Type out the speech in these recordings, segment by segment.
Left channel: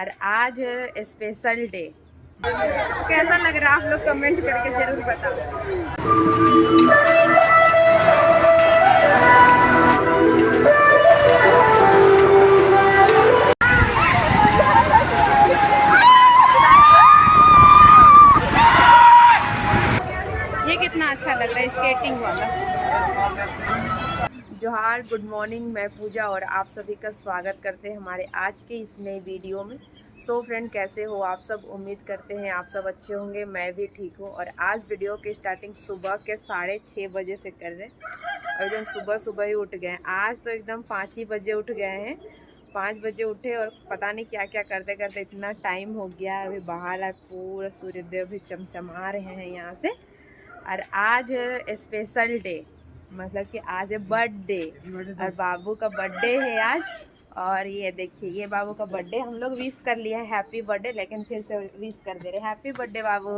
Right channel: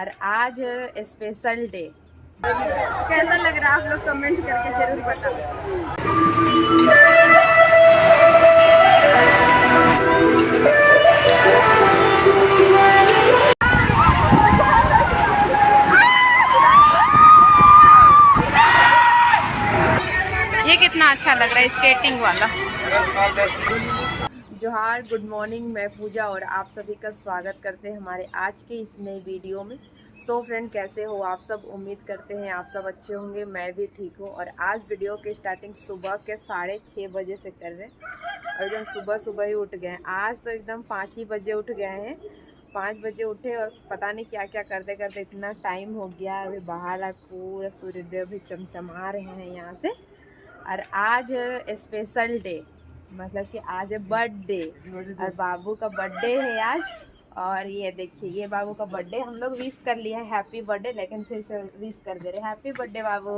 और आज special day. कैसा लग रहा है आप लोग कमेंट करके जरूर बताओ। ये कितना अच्छा लग रहा है स्केटिंग वाला। जोहार, गुड मॉर्निंग, मैं पूजा और आप सभी का स्वागत करते हैं हमारे आज के इस नए वीडियो में। सो फ्रेंड, कैसे हो आप सब? उम्मीद करते हैं आप सब अच्छे होंगे, मैं भी ठीक हूँ। और आज वीडियो की स्टार्टिंग सुबह के 6:30 बजे से कर रहे हैं और एकदम सुबह सुबह ही उठ गए हैं। आज तो एकदम 5 ही बजे उठ गए हैं। 5 बजे उठे और पता नहीं क्या क्या करते करते इतना टाइम हो गया। अभी बाहर आए, पूरा सूर्यदेव भी चमचमा रहे हैं यहाँ से। और आज स्पेशल डे, मतलब कि आज है बर्थडे और बाबू का बर्थडे है आज। और ये देखिए, ये बाबू का बर्थडे हम लोग विश कर लिए हैं, हैप्पी बर्थडे, लेकिन फिर से विश कर दे रहे हैं, हैप्पी बर्थडे बाबू।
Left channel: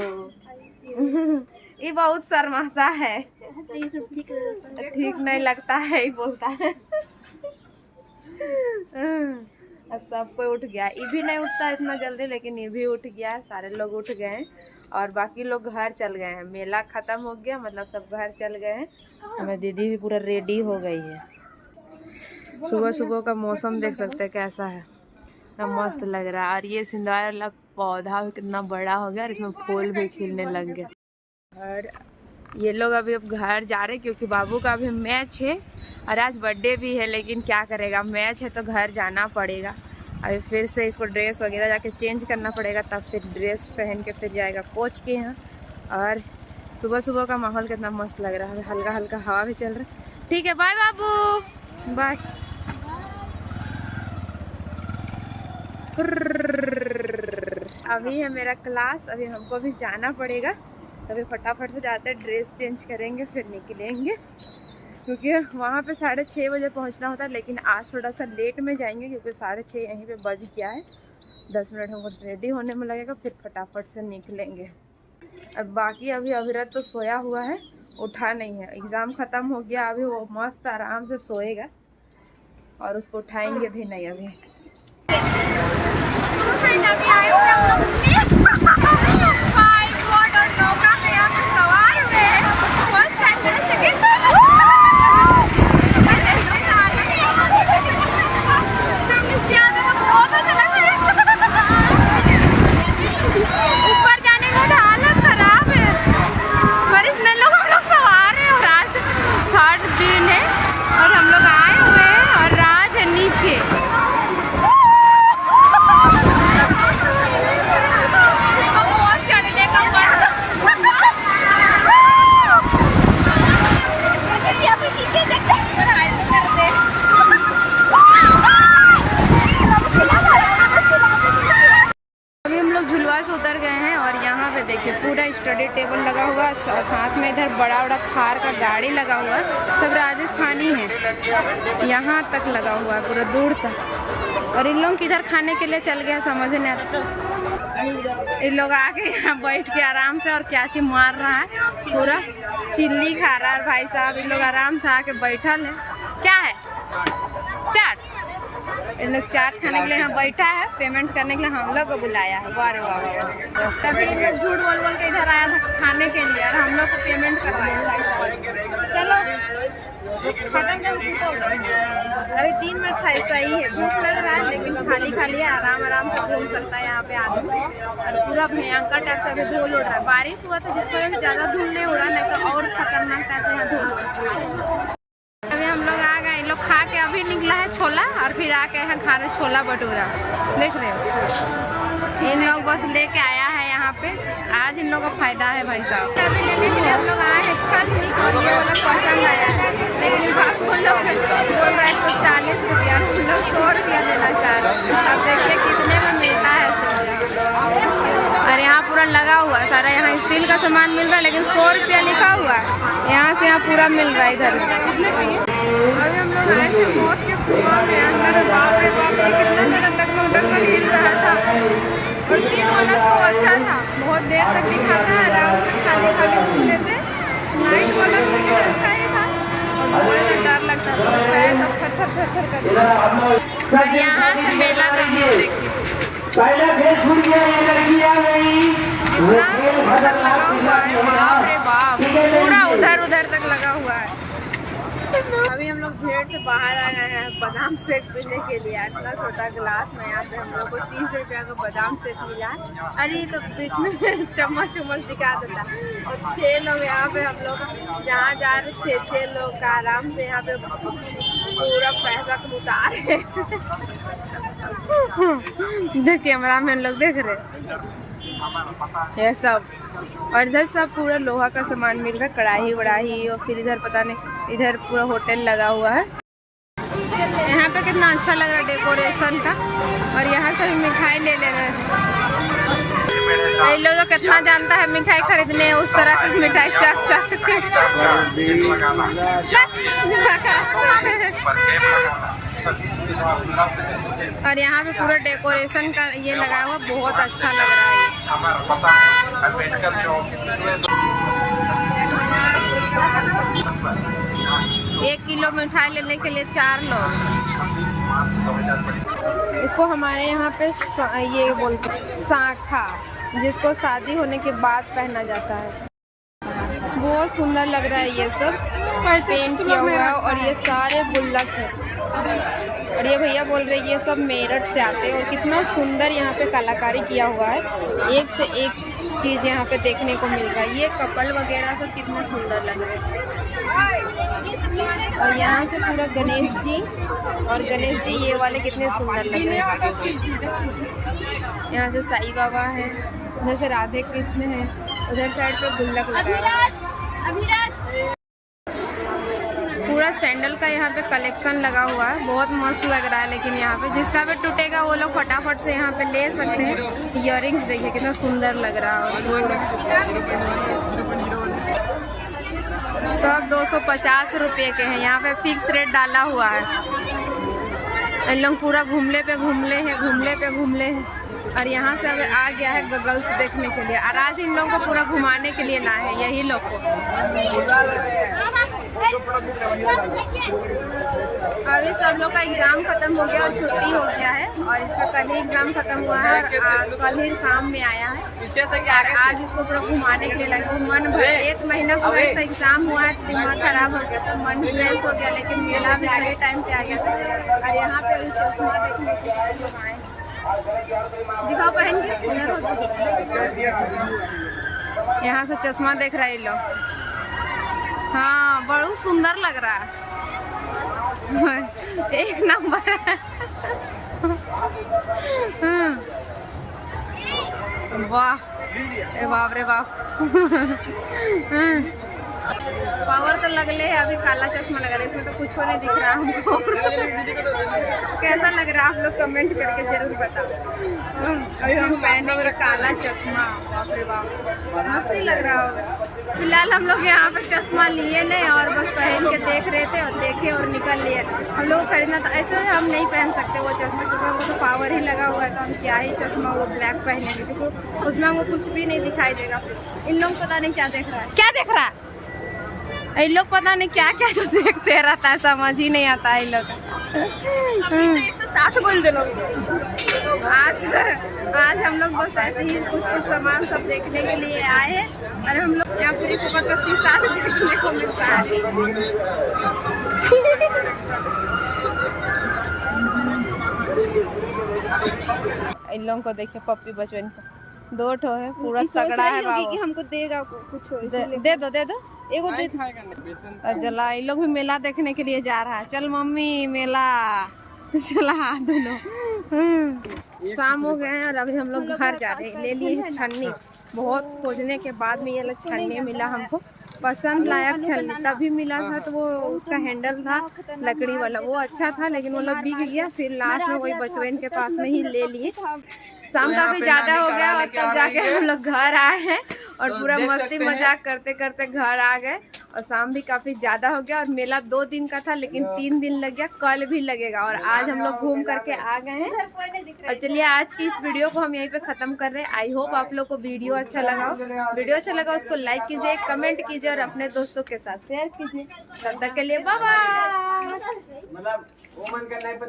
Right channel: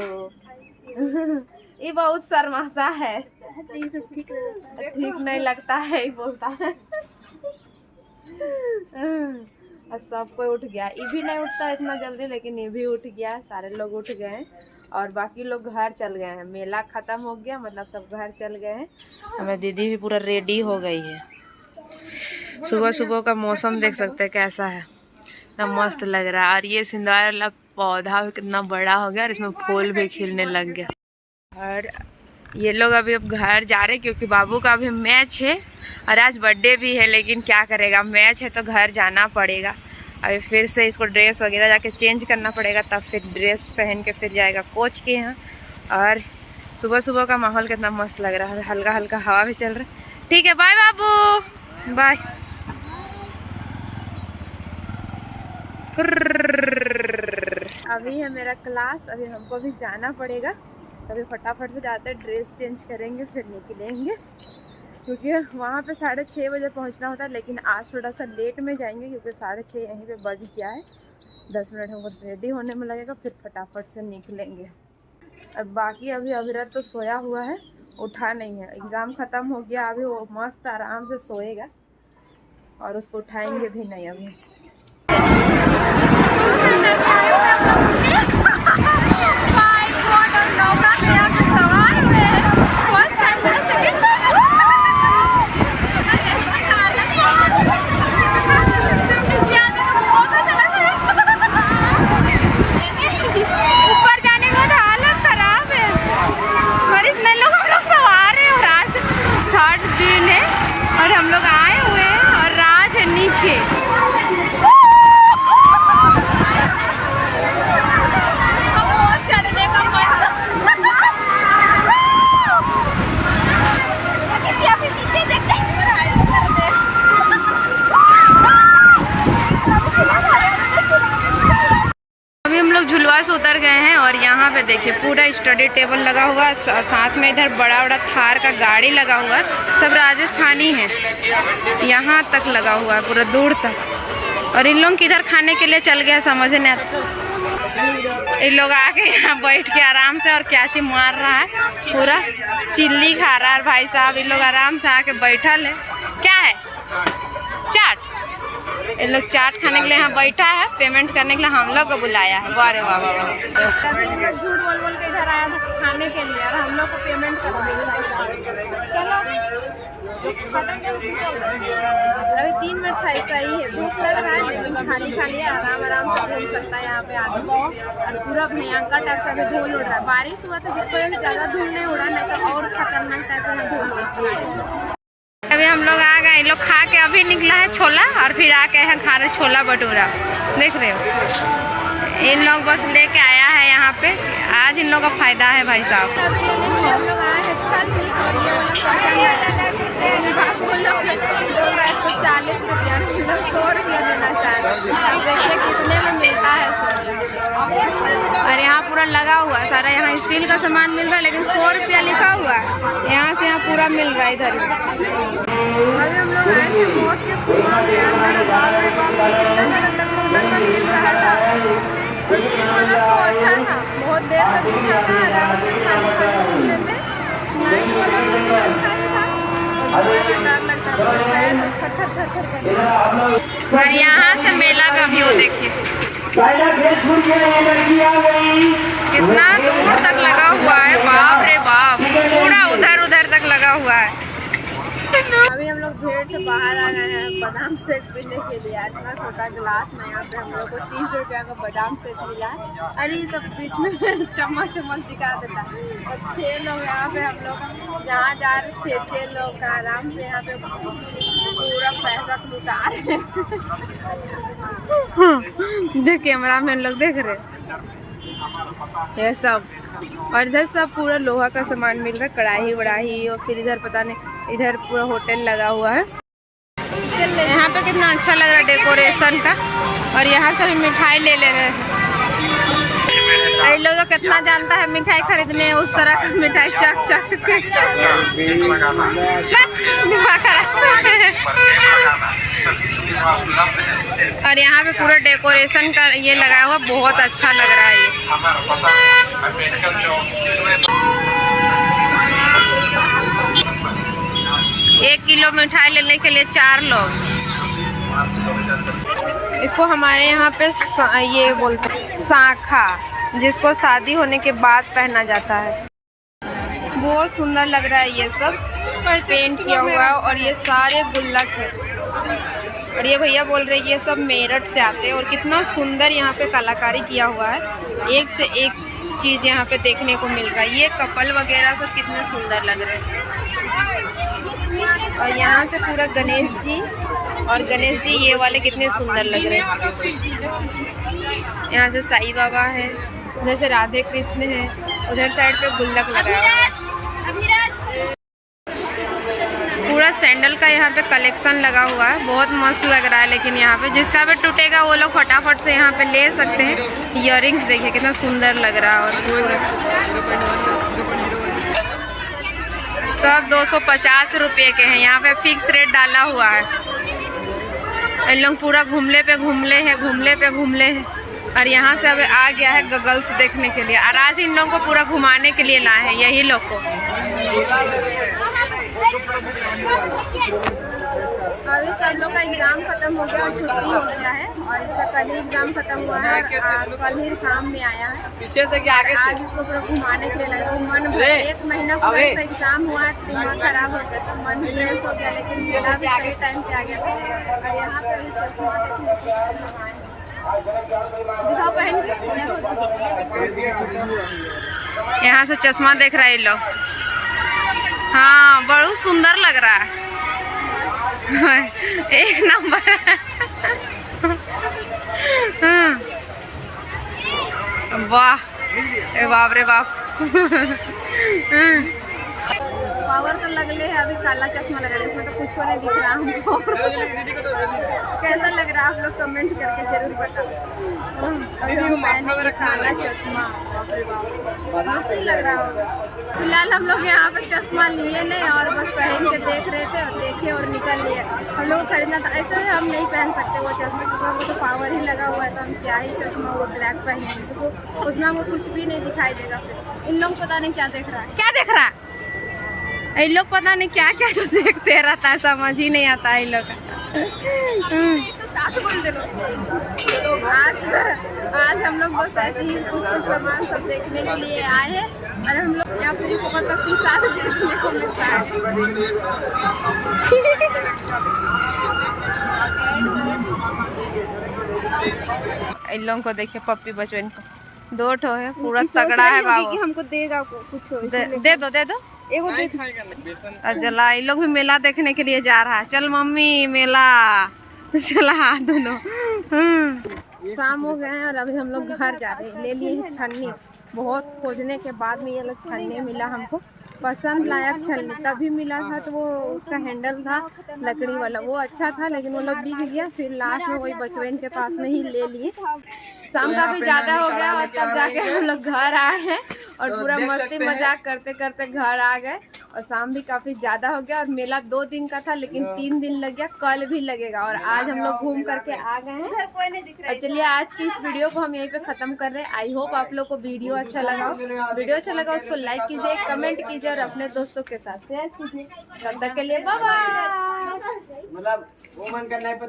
ये बहुत शर्माता है, ठीक नहीं लगता है, ये बोलता है। और सब कोई उठ गया, ये भी नहीं उठता इतना जल्दी, लेकिन ये भी उठ गया, सारे लोग उठ गए हैं और बाकी लोग घर चल गए हैं। मेला ख़त्म हो गया, मतलब सब घर चल गए हैं। हमें दीदी भी पूरा रेडी हो गई है। सुबह सुबह का मौसम देख सकते हैं कैसा है, इतना मस्त लग रहा है। और ये सिंदूर वाला पौधा भी कितना बड़ा हो गया और इसमें फूल भी खिलने लग गया। और ये लोग अभी अब घर जा रहे हैं क्योंकि बाबू का अभी मैच है और आज बर्थडे भी है, लेकिन क्या करेगा, मैच है तो घर जाना पड़ेगा। अभी फिर से इसको ड्रेस वगैरह जाके चेंज करना पड़ेगा, तब फिर ड्रेस पहन के फिर जाएगा कोच के यहाँ। और सुबह सुबह का माहौल कितना मस्त लग रहा है, हल्का हल्का हवा भी चल रहा है। ठीक है, बाय बाबू, बाय। अभी है मेरा क्लास, अभी हमको भी जाना पड़ेगा, तभी फटाफट से जाते हैं, ड्रेस चेंज करेंगे फिर निकलेंगे, क्योंकि वहाँ पे 6:30 बजे पहुँचना होता है। लेकिन आज थोड़ा सा लेट में जाएंगे क्योंकि 6:30 यहीं पे बज गया है। 10 मिनट हमको रेडी होने में लगेगा, फिर फटाफट से निकलेंगे। अब बाकी अभी अभिरत तो सोया हुआ है, उठा नहीं है, एग्ज़ाम ख़त्म हो गया, अभी वो मस्त आराम से सोएगा और उसको उठाएंगे भी नहीं अभी। अभी आए हुए हम लोग बाइक बोट और नौका में यहाँ पे सवार हुए हैं। फर्स्ट टाइम, मेरा सेकंड टाइम। ऊपर जाने के बाद हालत खराब है और इतने लोग हम लोग सवार हैं। और आज 3rd दिन है और हम लोग आए हुए हैं और राज है नीचे। अभी हम लोग झुलवा से उतर गए हैं और यहाँ पे देखिए पूरा स्टडी टेबल लगा हुआ है और साथ में इधर बड़ा बड़ा थार का गाड़ी लगा हुआ है। सब राजस्थानी हैं, यहाँ तक लगा हुआ है पूरा दूर तक। और इन लोग किधर खाने के लिए चल गया समझ नहीं आता। इन लोग आके यहाँ बैठ के आराम से, और क्या चीज मार रहा है, पूरा चिल्ली खा रहा है भाई साहब। इन लोग आराम से आके बैठल है। क्या है? चाट। इन लोग चाट खाने के लिए यहाँ बैठा है, पेमेंट करने के लिए हम लोग को बुलाया है। वाह रे वाह वाह वाह। तभी इन लोग झूठ बोल बोल के इधर आया था खाने के लिए और हम लोग को पेमेंट करवाया भाई साहब। चलो खत्म कर। अभी 3 मिनट था, ऐसा ही है, धूप लग रहा है लेकिन खाली खाली है, आराम आराम से घूम सकता है यहाँ पे आदमी। और पूरा भयंकर टाइप से अभी धूल उड़ रहा है, बारिश हुआ था जिस वजह से ज़्यादा धूल नहीं उड़ा, नहीं तो और खतरनाक टाइप से यहाँ धूल होती है। अभी हम लोग आ गए, इन लोग खा के अभी निकला है छोला और फिर आके यहाँ खा रहे छोला भटूरा, देख रहे हो। इन लोग बस लेके आया है यहाँ पे, आज इन लोगों का फायदा है भाई साहब। अभी लेने के लिए हम लोग आए हैं छल, और ये वाला पसंद आया है, लेकिन बाप वो लोग बोल रहा है तो 40 रुपया, हम लोग 100 रुपया देना चाह रहे हैं। अब देखिए कितने में मिलता है 100। और यहाँ पूरा लगा हुआ है सारा, यहाँ स्टील का सामान मिल रहा है लेकिन 100 रुपया लिखा हुआ है, यहाँ से यहाँ पूरा मिल रहा है इधर। अभी हम लोग आए थे मौत के कुआं में अंदर, बाप रे बाप, ये कितना ज़्यादा डगमग हिल रहा था। और 3 वाला शो अच्छा था, बहुत देर तक दिखाता है, आराम से खाली खाली घूम लेते। नाइट वाला भी लेकिन अच्छा ही था। और मुझे तो डर लगता है, पैर सब थर थर थर करते। और यहाँ से मेला का व्यू देखिए, कितना दूर तक लगा हुआ है, बाप रे बाप, पूरा उधर उधर तक लगा हुआ है। अभी हम लोग भीड़ से बाहर आ गए हैं बादाम शेक पीने के लिए। इतना छोटा गिलास में यहाँ पे हम लोग को 30 रुपया का बादाम शेक मिला है। अरे तो बीच में चम्मच दिखा देता। और 6 लोग यहाँ पे हम लोग जहाँ जा रहे 6 लोग का आराम से यहाँ पे पूरा पैसा लुटा रहे। देख कैमरा में लोग देख रहे ये सब। और इधर सब पूरा लोहा का सामान मिल रहा है, कढ़ाई वढ़ाई। और फिर इधर पता नहीं, इधर पूरा होटल लगा हुआ है। यहाँ पे कितना अच्छा लग रहा है डेकोरेशन का। और यहाँ से भी मिठाई ले रहे हैं। ये लोग तो कितना जानता है मिठाई खरीदने, उस तरह का मिठाई चख चख के। और यहाँ पे पूरा डेकोरेशन का ये लगा हुआ, बहुत अच्छा लग रहा है ये। 1 किलो मिठाई लेने के लिए 4 लोग। इसको हमारे यहाँ पे ये बोलते हैं साखा, जिसको शादी होने के बाद पहना जाता है। बहुत सुंदर लग रहा है, ये सब पेंट किया हुआ है। और ये सारे गुल्लक है। और ये भैया बोल रहे हैं ये सब मेरठ से आते हैं। और कितना सुंदर यहाँ पे कलाकारी किया हुआ है, एक से एक चीज़ यहाँ पे देखने को मिल रहा है। ये कपल वगैरह सब कितने सुंदर लग रहे हैं। और यहाँ से पूरा गणेश जी, और गणेश जी ये वाले कितने सुंदर लग रहे हैं। यहाँ से साईं बाबा है, उधर से राधे कृष्ण है, उधर साइड पे गुल्लक लगा हुआ है। पूरा सैंडल का यहाँ पे कलेक्शन लगा हुआ है, बहुत मस्त लग रहा है। लेकिन यहाँ पे जिसका भी टूटेगा वो लोग फटाफट से यहाँ पे ले सकते हैं। इयररिंग्स देखिए कितना सुंदर लग रहा है। और पूरा सब 250 रुपये के हैं। यहाँ पे फिक्स रेट डाला हुआ है। इन लोग पूरा घूमले पे घूमले हैं। और यहाँ से अब आ गया है गगल्स देखने के लिए। और आज इन लोगों को पूरा घुमाने के लिए लाए हैं यही लोग को। अभी सब लोग का एग्ज़ाम ख़त्म हो गया और छुट्टी हो गया है। और इसका कल ही एग्ज़ाम ख़त्म हुआ है और कल ही शाम में आया है। और आज इसको पूरा घुमाने के लिए लगे। वो मन भर 1 महीना पूरा इसका एग्ज़ाम हुआ है, दिमाग ख़राब हो गया था, मन फ्रेश हो गया। लेकिन मेला भी सही टाइम पे आ गया था। और यहाँ पे अभी चश्मा देखने के लिए लोग आए हैं। दिखाओ पहन के। यहाँ से चश्मा देख रहे हैं लोग। हाँ बहुत सुंदर लग रहा है। एक नंबर। वाह बाप रे बाप। पावर तो लगले है। अभी काला चश्मा लगा रहा है, इसमें तो कुछ नहीं दिख रहा हमको। कैसा लग रहा है आप लोग कमेंट करके जरूर बताओ। अभी हम पहने ये काला चश्मा, बाप रे बाप मस्ती लग रहा होगा। फिलहाल हम लोग यहाँ पे चश्मा लिए नहीं और बस पहन के देख रहे थे और देखे और निकल लिए। हम लोग को खरीदना था, ऐसे हम नहीं पहन सकते वो चश्मा क्योंकि हमको तो पावर ही लगा हुआ है। तो हम क्या ही चश्मा वो ब्लैक पहनेंगे क्योंकि उसमें हमको कुछ भी नहीं दिखाई देगा। इन लोग पता नहीं क्या देख रहा है, क्या देख रहा है। इन लोग पता नहीं क्या क्या जो देखते रहता है, समझ ही नहीं आता है इन लोग का। 160 बोल दे लोग। आज हम लोग बस ऐसे ही कुछ सामान सब देखने के लिए आए हैं। और हम लोग यहाँ फ्री फोकट का शीशा भी देखने को मिलता है। इन लोगों को देखिए, पप्पी बचपन को 2 ठो है, पूरा तगड़ा है बाबू। हमको देगा कुछ, दे दो एगो दे। चला इन लोग भी मेला देखने के लिए जा रहा है। चल मम्मी मेला चला दोनों। शाम हो गए हैं और अभी हम लोग घर जा रहे हैं। ले लिए हैं छन्नी, बहुत खोजने के बाद में ये लोग छन्नी मिला हमको, पसंद लायक छन्नी। तभी मिला था तो वो उसका हैंडल था लकड़ी वाला, वो अच्छा था लेकिन वो लोग बिक गया। फिर लास्ट में वही बचवन के पास में ही ले लिए। शाम काफी ज्यादा हो गया और तब जाके हम लोग घर आए हैं और पूरा मस्ती मजाक करते करते घर आ गए। और शाम भी काफी ज्यादा हो गया और मेला 2 दिन का था लेकिन 3 दिन लग गया, कल भी लगेगा। और आज हम लोग घूम करके आ गए हैं। और चलिए आज की इस वीडियो को हम यहीं पे खत्म कर रहे हैं। आई होप आप लोग को वीडियो अच्छा लगा हो। वीडियो अच्छा लगा उसको लाइक कीजिए, कमेंट कीजिए और अपने दोस्तों के साथ शेयर कीजिए। तब तक के लिए बाय बाय।